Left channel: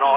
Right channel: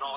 9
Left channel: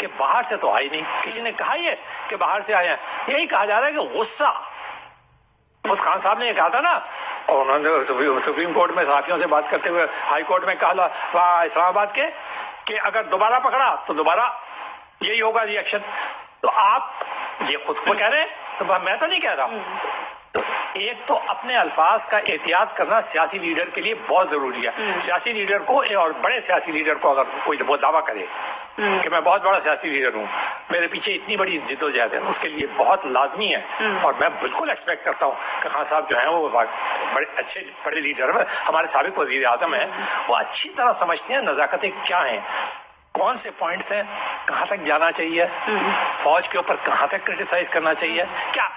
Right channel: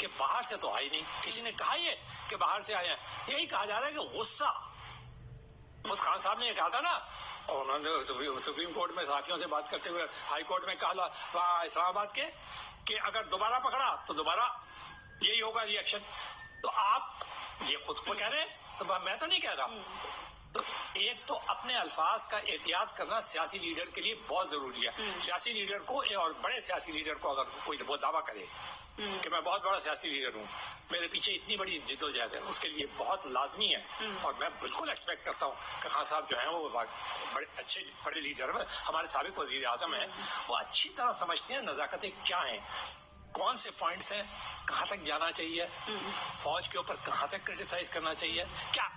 کہ باہر سے تو آئی نہیں. کسی نے کہا یہ کہ باہر سے آئے ہیں. یہی کہا جا رہا ہے کہ غصہ. خود خان صاحب نے یہ کہا تھا نا, اور انہوں نے سپریم کورٹ میں صحافیوں سے بات کرتے ہوئے ہائی کورٹ میں کہا وہاں اسلام آباد کے کہ اگر دوبارہ پکڑا تو دوبارہ یہی ہوگا ری ایکشن. تو آپ یہ خود کو کہہ رہے ہیں, تو میں تو نہیں کہہ رہا. تو ایک تو اپنے الفاظ کا احتیاط کرنا سیاسی لیڈر کے لیے بہت ضروری ہے. سیاسی لیڈر کو, اور بڑے سیاسی لیڈر کو, اگر کوئی وہ دعویٰ کرے کہ میں بہت بڑا سیاسی لیڈر ہوں, میرے پیچھے اتنی بڑی جد و جہد ہے, اس کے لیے بہت لازمی ہے. اور میں بالکل ایکسپیکٹ کرتا ہوں کہ خان صاحب جو ہیں وہ بڑے اچھے بڑے لیڈر ہیں. ہمارے سابق وزیر اعظم ہیں, وہ اچھی طرح سمجھتے ہیں نزاکتیں کیا ہیں, کون سے پوائنٹس ہیں, کہاں تک جانا چاہیے, فوج کے اوپر کہاں تک کرٹیسائز کرنا چاہیے. کیا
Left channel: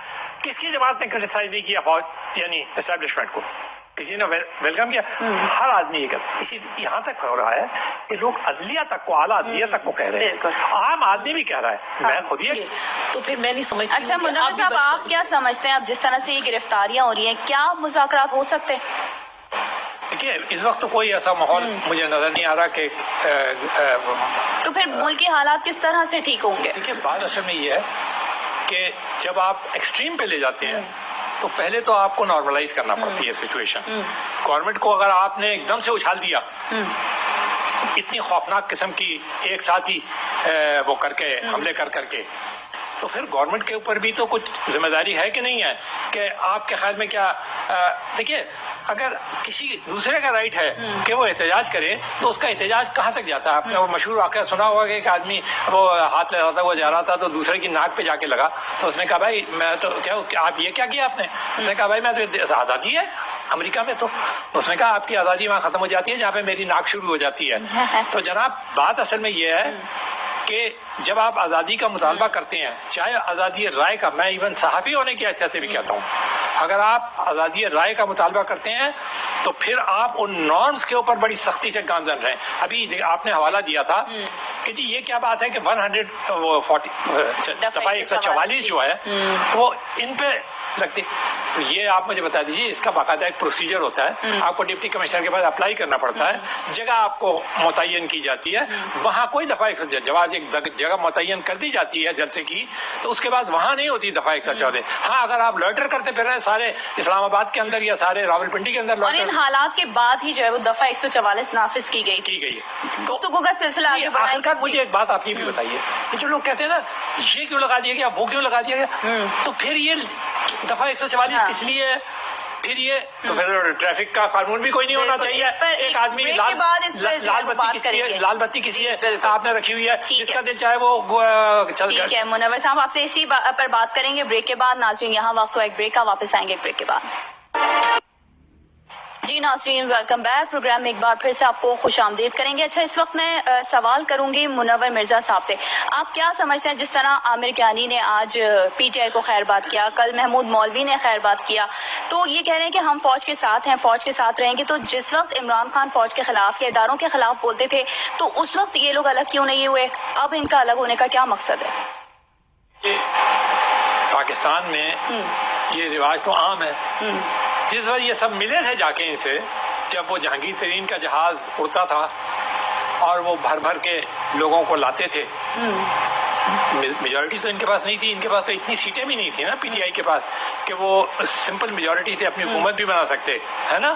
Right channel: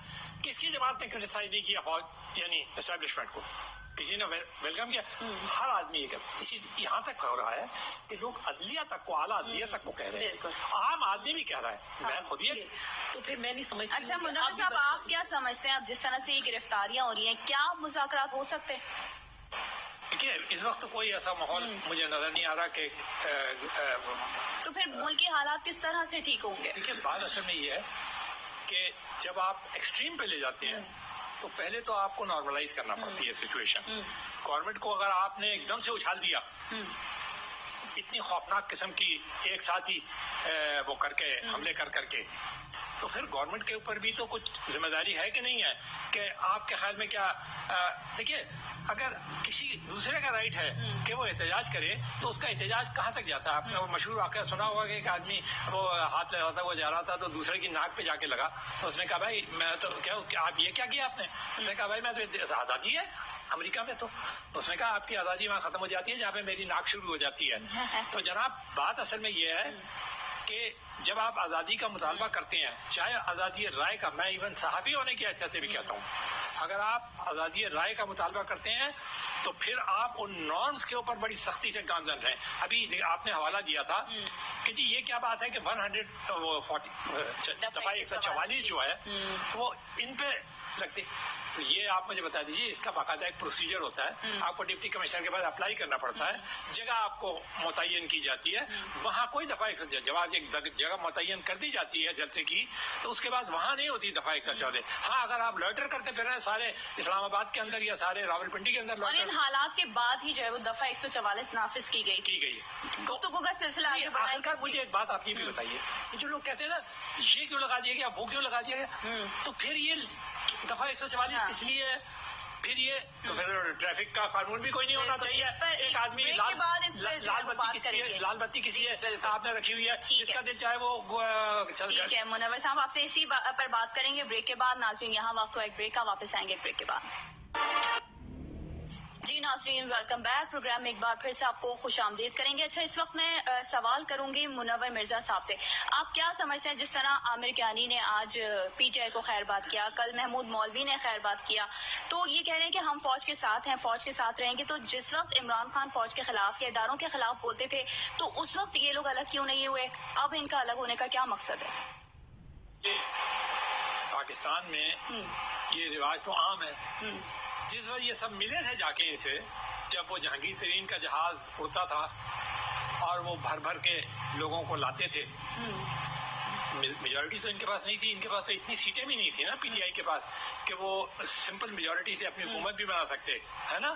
کس کی جماعت نے کرٹیسائز نہیں کیا فوج یعنی اسٹیبلشمنٹ کو, کسی نے ویلکم کیا. ہر آدمی یہ کرتا. اسی یہاں تک ہو رہا ہے کہ لوگ عدلیہ تک کو, اعلیٰ عدلیہ تک کو کہہ رہے ہیں, عام آدمی بھی کہہ رہا ہے. میں خود یہ تو پھر میں نہیں سمجھتی. اچھا منور صاحب, آپ کیا سمجھتے ہیں اب جس طرح سے یہ گرفتاریاں ہو رہی ہیں, کیا مذاکرات ہو سکتے ہیں؟ دیکھیے اس وقت تو کوئی ایسا ماحول مجھے نظر نہیں آ رہا کہ تو پھر ملک کے حالات کس طرح سے ٹھیک ہوں گے؟ دیکھیے بات اصل میں یہ ہے کہ جب آپ ایکسٹریم پہ لے جاتے ہیں تو پہلے تو آپ کو نارملائز کرنا پڑتی ہے سچویشن. گورنمنٹ کو اگر آپ نے ایک دم سے اچھال دیا اتنی خوفناک قسم کی ایک ساتھ ہی وہ کر کے حملے کر کے, تو پھر گورنمنٹ کے اوپر بھی تو کچھ ذمہ داری ہے کہ نہیں ہے کہ آپ کے خیال میں کیا. دیکھیے اگر کسی دوسرے کا رائٹ ہے کہ وہ احتجاج کرے تو اس کا احتجاج کہاں تک جاتا ہے. آپ نے وہ مشہور واقعہ سنا ہوگا کہ ایک آدمی وہ ہاتھ لے رہا تھا, وہ جا رہا تھا تو دوسرے کی ناک پہ جا کے لگا, تو اس نے کہا بھائی میں تو کیا آپ یہ کیا کیا آپ نے. اس نے کہا بھائی میں تو آزادی ہے امریکہ میں. تو اس نے کہا آپ کی آزادی وہاں ختم ہو جاتی ہے جہاں پہ میری ناک شروع ہو جاتی ہے. تو جناب بات اصل میں یہ ہے کہ جب آپ آزادی کا مطالبہ کرتے ہیں, چاہے آزادی رائے کا, میں ایون صحافی ہونے کی حیثیت سے بھی کہتا ہوں, اگر آپ آزادی رائے کا مطالبہ کرتے ہیں تو پھر آپ ان نارمز کے اوپر بڑی سختی سے گامزن رہیں. ابھی آپ نے حوالہ دیا تھا کہ جی یہ کیا بات ہے کہ 144 جو ہے وہ ان پہ لگتی. یہ آپ مجھے بتا دیجیے, اس کا باقاعدہ ایک پروسیجر ہوتا ہے, آپ کو ڈپٹی کمشنر کے پاس اپلائی کرنا پڑتا ہے, جگہ آپ کو متعین کی جاتی ہے, وہاں کوئی دفعہ جواب ایک جگہ متعین کر دی جاتی ہے جلسے کی, تو اس کے بعد وہاں نہیں ہوتی دفعہ 114. ہاں اگر آپ لوٹر کرتے پھر رہے سارے اسلام آباد کے اندر یا سارے راولپنڈی کے اندر, اور ان حالات کے بعد ہی جو ہے وہ دفعہ 144 نافذ کی گئی گفتگو کا سلسلہ آگے آخر کار مجھے ایک بات آپ یہ بھی بتائیے کہ جو لوگ کہتے ہیں نا یہ کیوں لگا دیا گیا, وہ کیوں لگا دیا گیا, تو پھر یہ دفعہ 144 کس لیے ہے, پھر یہ تو پھر ٹریفک کا قانون بھی کوئی نہیں ہونا چاہیے. ایک آدمی لال بتی کسی آپ نے رکھی ہوئی ہے, جس کا دل چاہے وہ چل کر. ٹھیک ہے منور صاحب, آپ سے اسی پر بات کریں گے بریک کے بعد. ناظرین یہاں وقت ہوا ایک بریک کا, واپس آئیں گے ایک بریک کے بعد. جی ناظرین ویلکم بیک. پروگرام میں ایک بار پھر سے آپ کو خوش آمدید کریں گے. اچھا اس وقت میں سوال کروں گی منور مرزا صاحب سے, آپ کیا سمجھتے ہیں جس طرح عامر کیانی نے آج پی ٹی آئی کو خیر بات کیا, کل محمود مولوی نے خیر بات کیا, تو یہ کہہ رہے ہیں کہ ہم فوج کے ساتھ ہیں, فوج کے ساتھ رہیں گے, تو جس وقت عمران خان فوج کے خلاف یا اداروں کے خلاف بولتے تھے تو اس وقت یہ لوگ الگ کیوں نہیں ہوئے, اب ان کا الگ ہونے کا کیا مقصد ہے؟ پاکستان میں یہ رواج تو عام ہے. جس وقت یہ سب ملے تھے جا کے ان سے, جب وہ جہانگیر ترین کا جہاز اڑتا تھا اور وہ بھر بھر کے لوگوں کو لاتے تھے, میجورٹی تو ان کے پاس نہیں تھی, ان کے پاس تو اتنی سیٹیں بھی نہیں تھی نا پی ٹی آئی کے پاس کہ وہ سمپل میجورٹی سے اپنی حکومت بھی بنا سکتے ہے نا.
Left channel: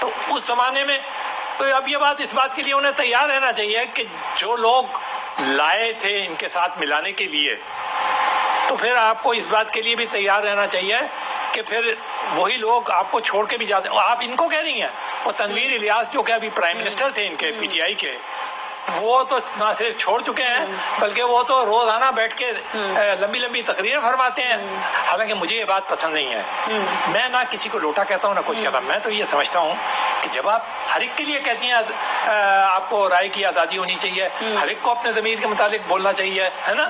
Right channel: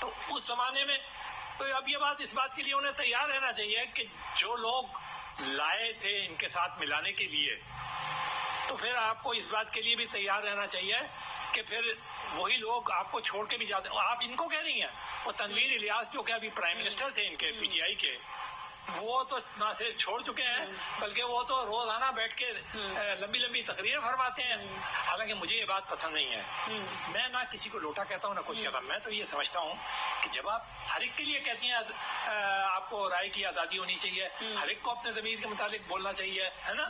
تو اس زمانے میں تو اب یہ بات اس بات کے لیے انہیں تیار رہنا چاہیے کہ جو لوگ لائے تھے ان کے ساتھ ملانے کے لیے, تو پھر آپ کو اس بات کے لیے بھی تیار رہنا چاہیے کہ پھر وہی لوگ آپ کو چھوڑ کے بھی جاتے ہیں. آپ ان کو کہہ رہی ہیں, وہ تنویر الیاس جو کہ ابھی پرائم منسٹر تھے ان کے پی ٹی آئی کے, وہ تو نہ صرف چھوڑ چکے ہیں بلکہ وہ تو روزانہ بیٹھ کے لمبی لمبی تقریریں فرماتے ہیں. حالانکہ مجھے یہ بات پسند نہیں ہے. میں نہ کسی کو لوٹا کہتا ہوں نہ کچھ کہتا ہوں. میں تو یہ سمجھتا ہوں کہ جب آپ ہر ایک کے لیے کہتی ہیں آپ کو رائے کی آزادی ہونی چاہیے, ہر ایک کو اپنے ضمیر کے مطابق بولنا چاہیے, ہے نا,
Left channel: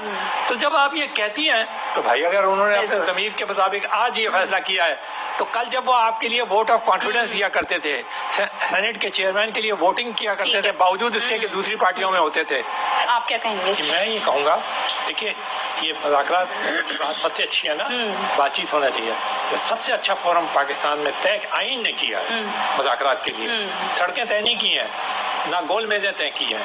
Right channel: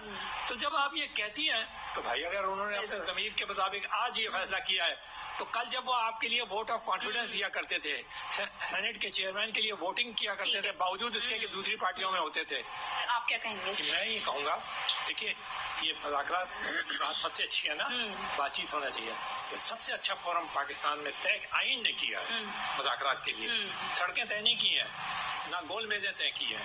تو جب آپ یہ کہتی ہیں تو بھائی اگر انہوں نے اپنے ضمیر کے مطابق آج یہ فیصلہ کیا ہے تو کل جب وہ آپ کے لیے ووٹ آف کانفیڈنس دیا کرتے تھے, سینٹ کے چیئرمین کے لیے ووٹنگ کیا کرتے تھے, باوجود اس کے کہ دوسری پارٹیوں میں ہوتے تھے, آپ کیا کہیں گے؟ میں یہ کہوں گا دیکھیے یہ مذاکرات بات سب سے اچھی ہے نا, بات چیت ہونا چاہیے. تو سب سے اچھا فورم پاکستان میں طے آئین نے کیا ہے مذاکرات کے لیے. سڑکیں طے نہیں کی ہیں, نہ گول میزیں طے کی ہیں,